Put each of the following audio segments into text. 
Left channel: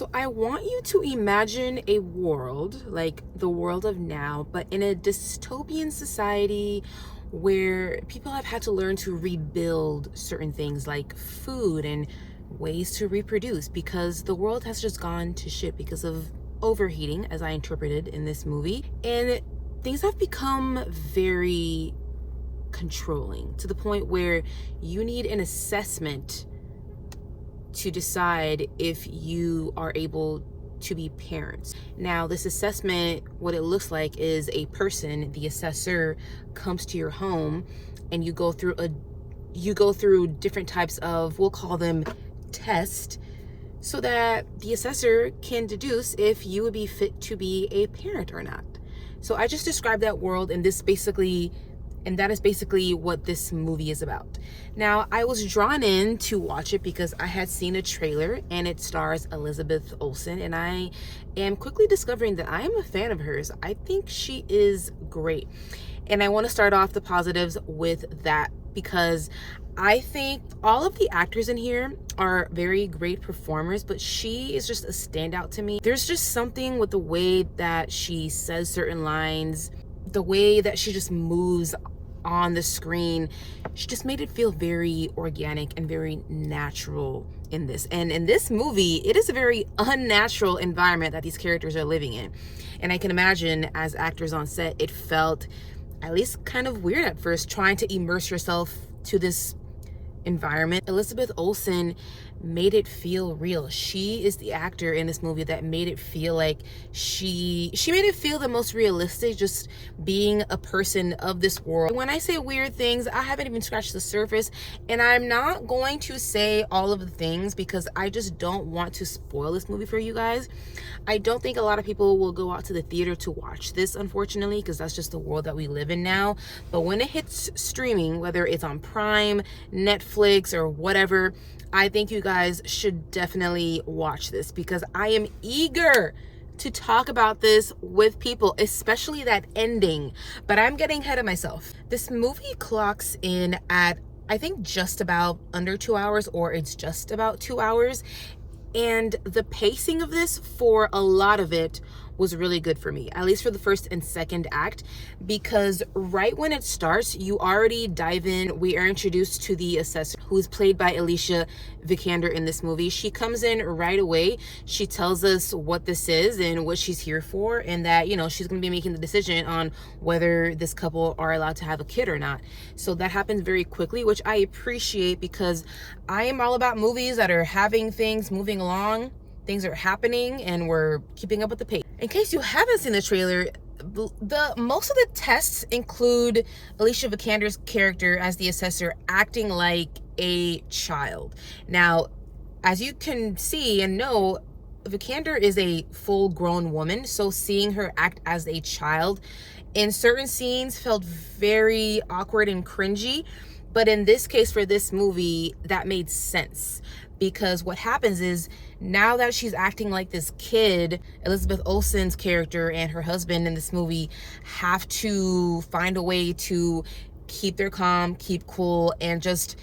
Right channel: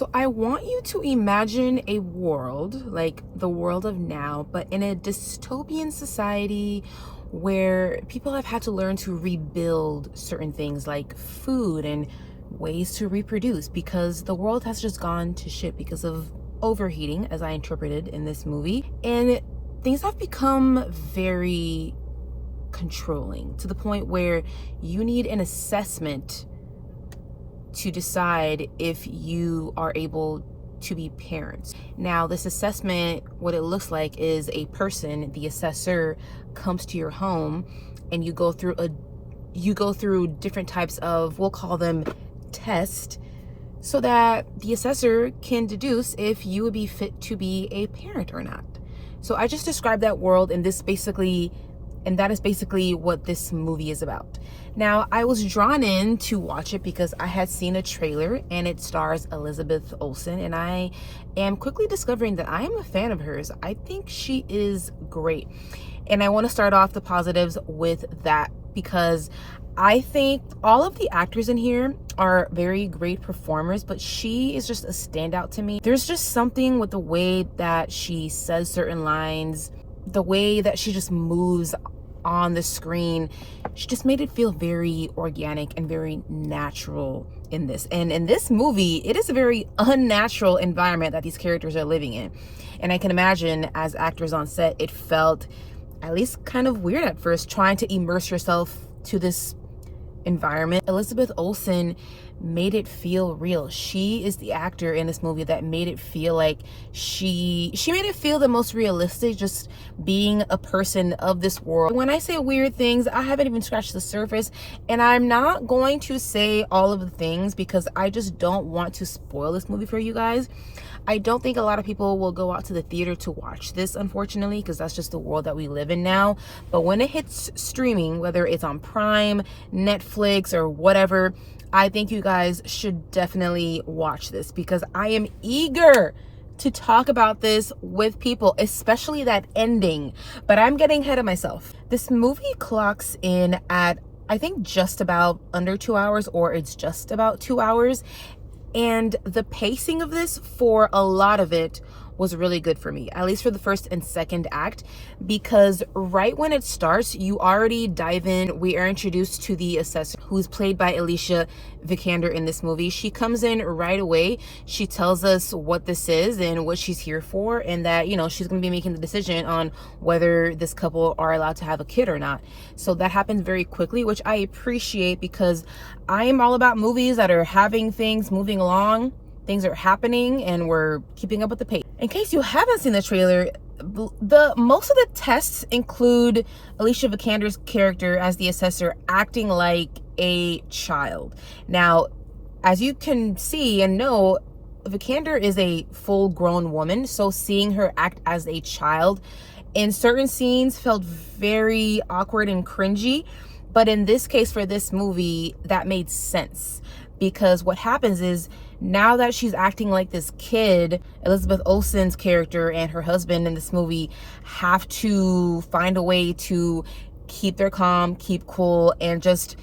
So I want you to imagine a world, like the world of now, but in a dystopian society where people have had to learn to rebuild certain things like food and ways to reproduce because the world has just gone to shit because of overheating, as I interpreted in this movie. And things have become very controlling to the point where you need an assessment to decide if you are able to be parents. Now, this assessment, what it looks like is a person, the assessor, comes to your home and you go through different types of, we'll call them tests, so that the assessor can deduce if you would be fit to be a parent or not. So I just described that world, and that is basically what this movie is about. Now, I was drawn in to watch it because I had seen a trailer and it stars Elizabeth Olsen, and I am quickly discovering that I am a fan of hers. I think she is great. And I want to start off the positives with that because I think all of the actors in here are very great performers, but she is just a standout to me. There's just something with the way that she says certain lines, the way that she just moves on the screen. She just made it feel very organic and very natural in this. And in this movie, it is a very unnatural environment that these characters are living in. And I can imagine as actors on set, it felt at least kind of weird at first trying to immerse yourself to this environment. Elizabeth Olsen made it feel real. She is the actor in this movie that made it feel like she made it feel the most realistic, just being a person of this world. When I say weird things, I haven't even scratched the surface, and I'm not going to say all of the things because I just don't want to spoil this movie for you guys. I don't think a lot of people will go out to the theater to watch this, unfortunately, because that's just the world that we live in now. But when it hits streaming, whether it's on Prime, Netflix, or whatever, I think you guys should definitely watch this because I am eager to talk about this with people, especially that ending. But I'm getting ahead of myself. This movie clocks in at, I think, just about under 2 hours, or it's just about 2 hours. And the pacing of this, for a lot of it, was really good for me, at least for the first and second act, because right when it starts, you already dive in. We are introduced to the assessor, who's played by Alicia Vikander in this movie. She comes in right away. She tells us what this is and what she's here for, and that, you know, she's going to be making the decision on whether this couple are allowed to have a kid or not. So that happens very quickly, which I appreciate because I am all about movies that are having things moving along. Things are happening and we're keeping up with the pace. In case you haven't seen the trailer, most of the tests include Alicia Vikander's character as the assessor acting like a child. Now, as you can see and know, Vikander is a full-grown woman, so seeing her act as a child in certain scenes felt very awkward and cringy. But in this case, for this movie, that made sense. Because what happens is, now that she's acting like this kid, Elizabeth Olsen's character and her husband in this movie have to find a way to keep their calm, keep cool, and just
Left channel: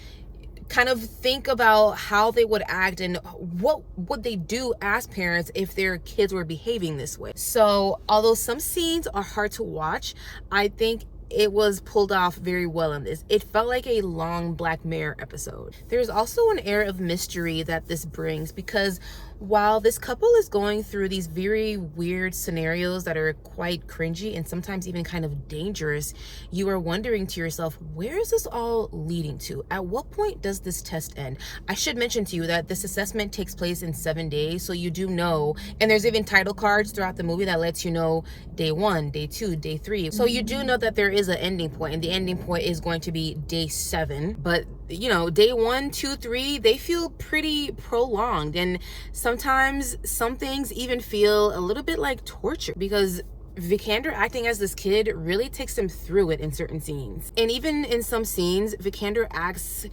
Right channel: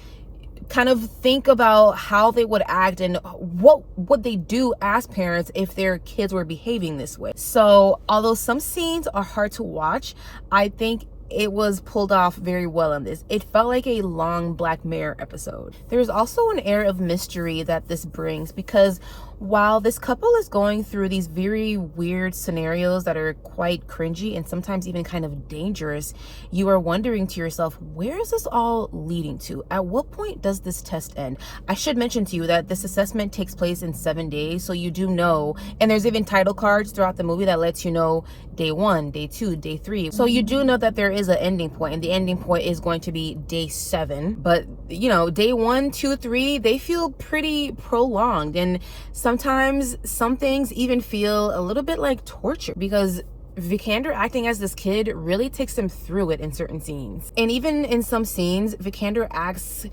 kind of think about how they would act and what would they do as parents if their kids were behaving this way. So although some scenes are hard to watch, I think it was pulled off very well on this. It felt like a long Black Mirror episode. There's also an air of mystery that this brings because while this couple is going through these very weird scenarios that are quite cringy and sometimes even kind of dangerous, you are wondering to yourself, where is this all leading to? At what point does this test end? I should mention to you that this assessment takes place in 7 days, so you do know, and there's even title cards throughout the movie that lets you know day 1, day 2, day 3. So you do know that there is an ending point, and the ending point is going to be day 7. But you know, day 1, 2, 3, they feel pretty prolonged, and sometimes some things even feel a little bit like torture because Vikander acting as this kid really takes them through it in certain scenes. And even in some scenes, Vikander acts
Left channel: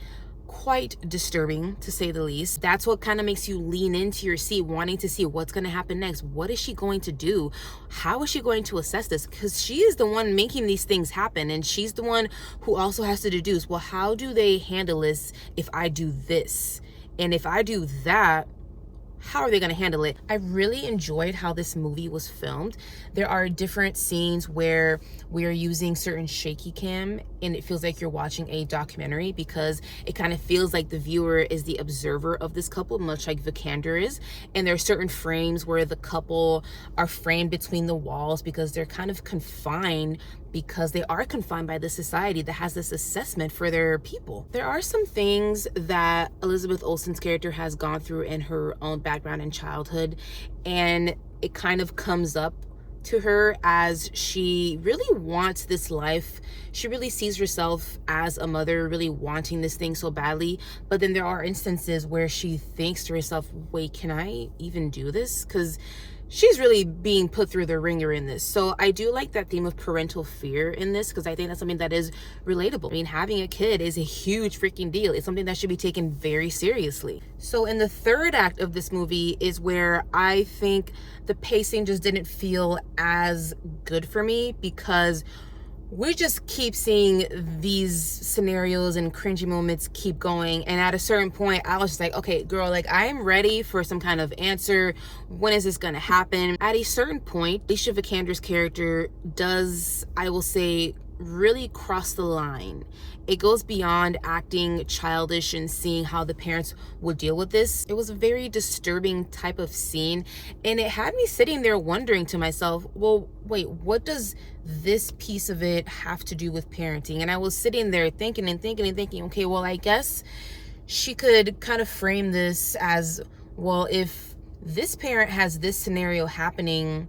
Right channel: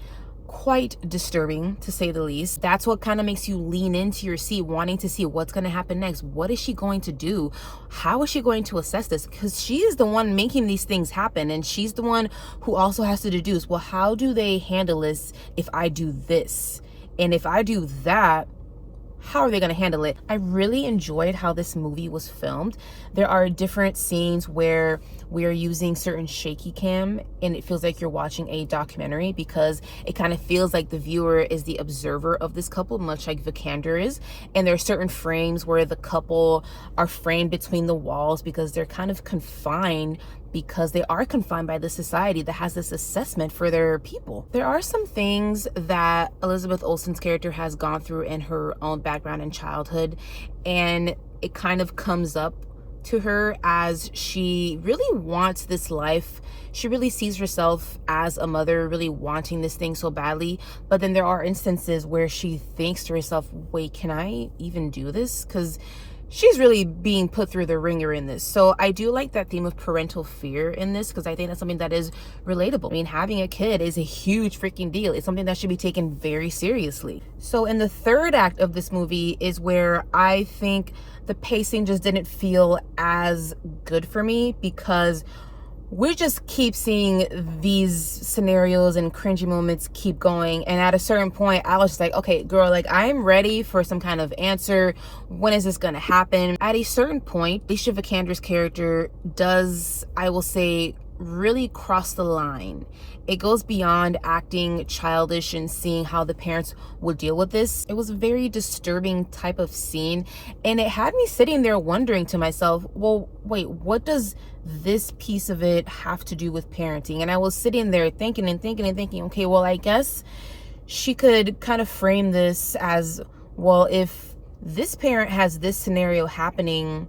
quite disturbing, to say the least. That's what kind of makes you lean into your seat, wanting to see what's going to happen next. What is she going to do? How is she going to assess this? Because she is the one making these things happen, and she's the one who also has to deduce, well, how do they handle this if I do this? And if I do that, how are they going to handle it? I really enjoyed how this movie was filmed. There are different scenes where we are using certain shaky cam and it feels like you're watching a documentary, because it kind of feels like the viewer is the observer of this couple, much like Vikander is. And there are certain frames where the couple are framed between the walls because they're kind of confined, because they are confined by the society that has this assessment for their people. There are some things that Elizabeth Olsen's character has gone through in her own background and childhood, and it kind of comes up to her as she really wants this life. She really sees herself as a mother, really wanting this thing so badly. But then there are instances where she thinks to herself, wait, can I even do this? Because she's really being put through the ringer in this. So I do like that theme of parental fear in this, because I think that's something that is relatable. I mean, having a kid is a huge freaking deal. It's something that should be taken very seriously. So in the third act of this movie is where I think the pacing just didn't feel as good for me, because we just keep seeing these scenarios and cringy moments keep going. And at a certain point, I was just like, okay, girl, like, I'm ready for some kind of answer. When is this gonna happen? At a certain point, Alicia Vikander's character does, I will say, really cross the line. It goes beyond acting childish and seeing how the parents would deal with this. It was a very disturbing type of scene, and it had me sitting there wondering to myself, well, wait, what does this piece of it have to do with parenting? And I was sitting there thinking, okay, well, I guess she could kind of frame this as, well, if this parent has this scenario happening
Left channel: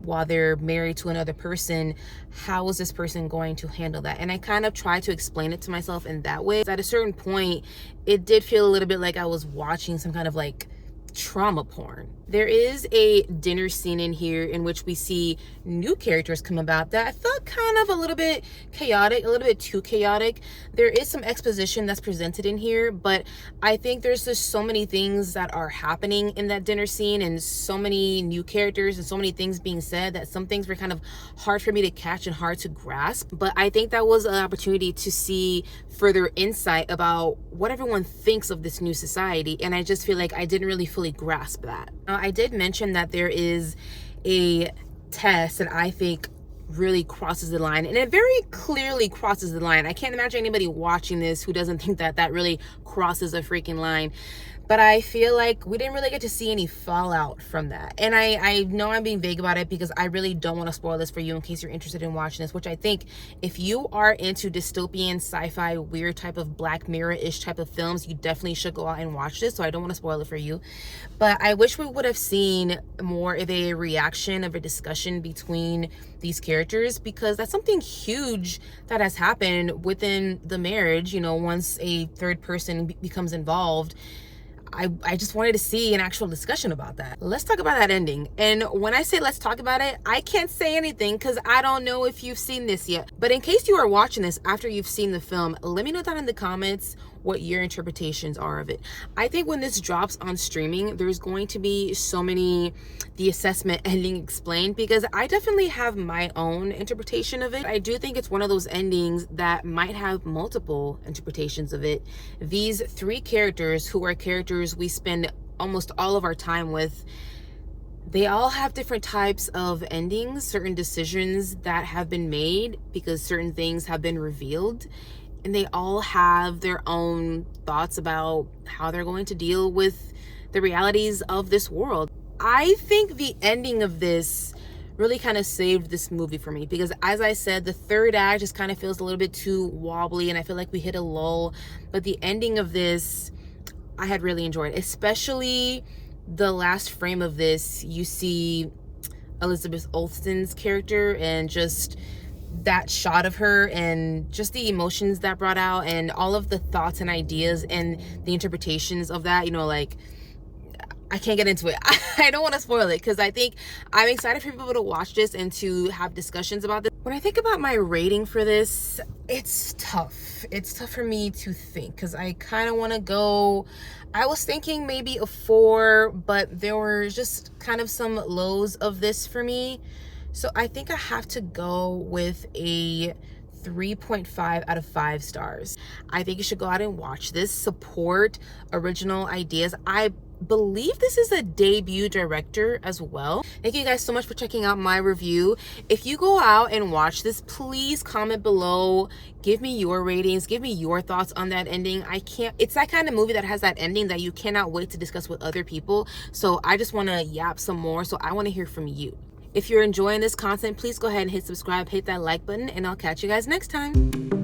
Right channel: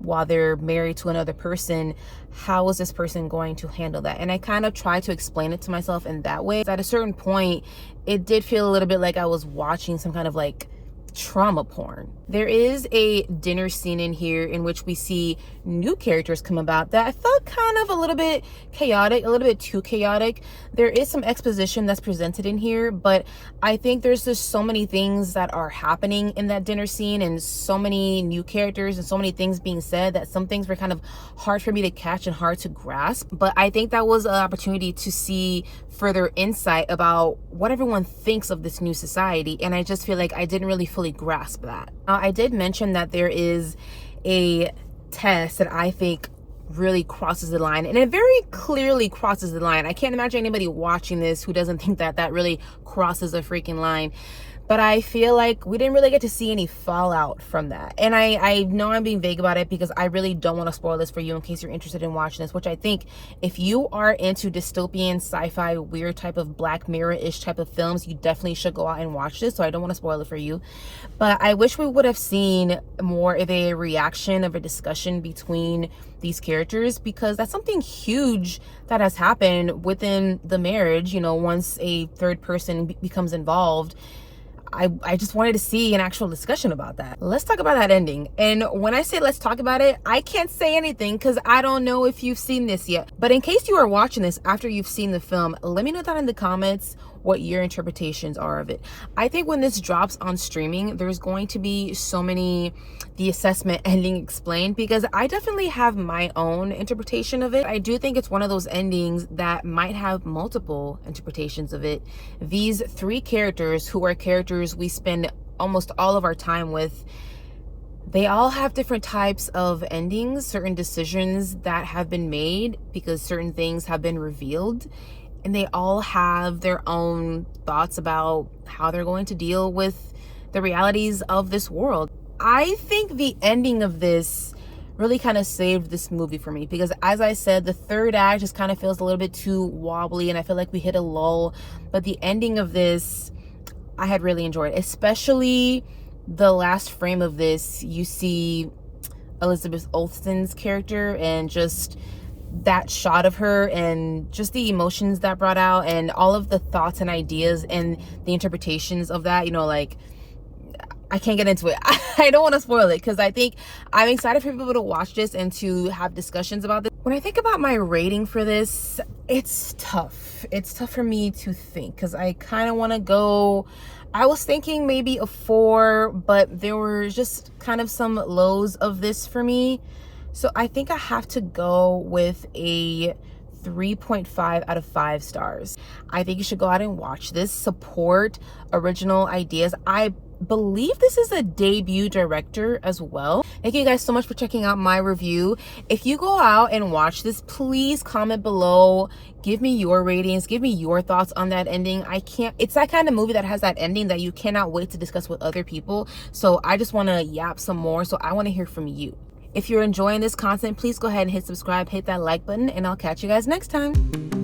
while they're married to another person, how is this person going to handle that? And I kind of tried to explain it to myself in that way. At a certain point, it did feel a little bit like I was watching some kind of like trauma porn. There is a dinner scene in here in which we see new characters come about that I felt kind of a little bit chaotic, a little bit too chaotic. There is some exposition that's presented in here, but I think there's just so many things that are happening in that dinner scene, and so many new characters and so many things being said, that some things were kind of hard for me to catch and hard to grasp. But I think that was an opportunity to see further insight about what everyone thinks of this new society, and I just feel like I didn't really fully grasp that. Now, I did mention that there is a test that I think really crosses the line, and it very clearly crosses the line. I can't imagine anybody watching this who doesn't think that that really crosses a freaking line. But I feel like we didn't really get to see any fallout from that. And I know I'm being vague about it because I really don't want to spoil this for you in case you're interested in watching this, which I think if you are into dystopian, sci-fi, weird type of Black Mirror-ish type of films, you definitely should go out and watch this. So I don't want to spoil it for you. But I wish we would have seen more of a reaction, of a discussion between these characters, because that's something huge that has happened within the marriage. You know, once a third person becomes involved, I just wanted to see an actual discussion about that. Let's talk about that ending. And when I say let's talk about it, I can't say anything because I don't know if you've seen this yet. But in case you are watching this after you've seen the film, let me know down in the comments what your interpretations are of it. I think when this drops on streaming, there's going to be so many the assessment ending explained, because I definitely have my own interpretation of it. I do think it's one of those endings that might have multiple interpretations of it. These three characters, who are characters we spend almost all of our time with, they all have different types of endings, certain decisions that have been made because certain things have been revealed. And they all have their own thoughts about how they're going to deal with the realities of this world. I think the ending of this really kind of saved this movie for me, because as I said, the third act just kind of feels a little bit too wobbly and I feel like we hit a lull. But the ending of this, I had really enjoyed, especially the last frame of this. You see Elizabeth Olsen's character and just that shot of her and just the emotions that brought out and all of the thoughts and ideas and the interpretations of that. You know, like, I can't get into it. I don't want to spoil it because I think I'm excited for people to watch this and to have discussions about this. When I think about my rating for this, it's tough. It's tough for me to think because I kind of want to go, I was thinking maybe a 4, but there were just kind of some lows of this for me. So I think I have to go with a 3.5 out of 5 stars. I think you should go out and watch this, support original ideas. I believe this is a debut director as well. Thank you guys so much for checking out my review. If you go out and watch this, please comment below, give me your ratings, give me your thoughts on that ending. It's that kind of movie that has that ending that you cannot wait to discuss with other people. So I just want to yap some more. So I want to hear from you. If you're enjoying this content, please go ahead and hit subscribe, hit that like button, and I'll catch you guys next time.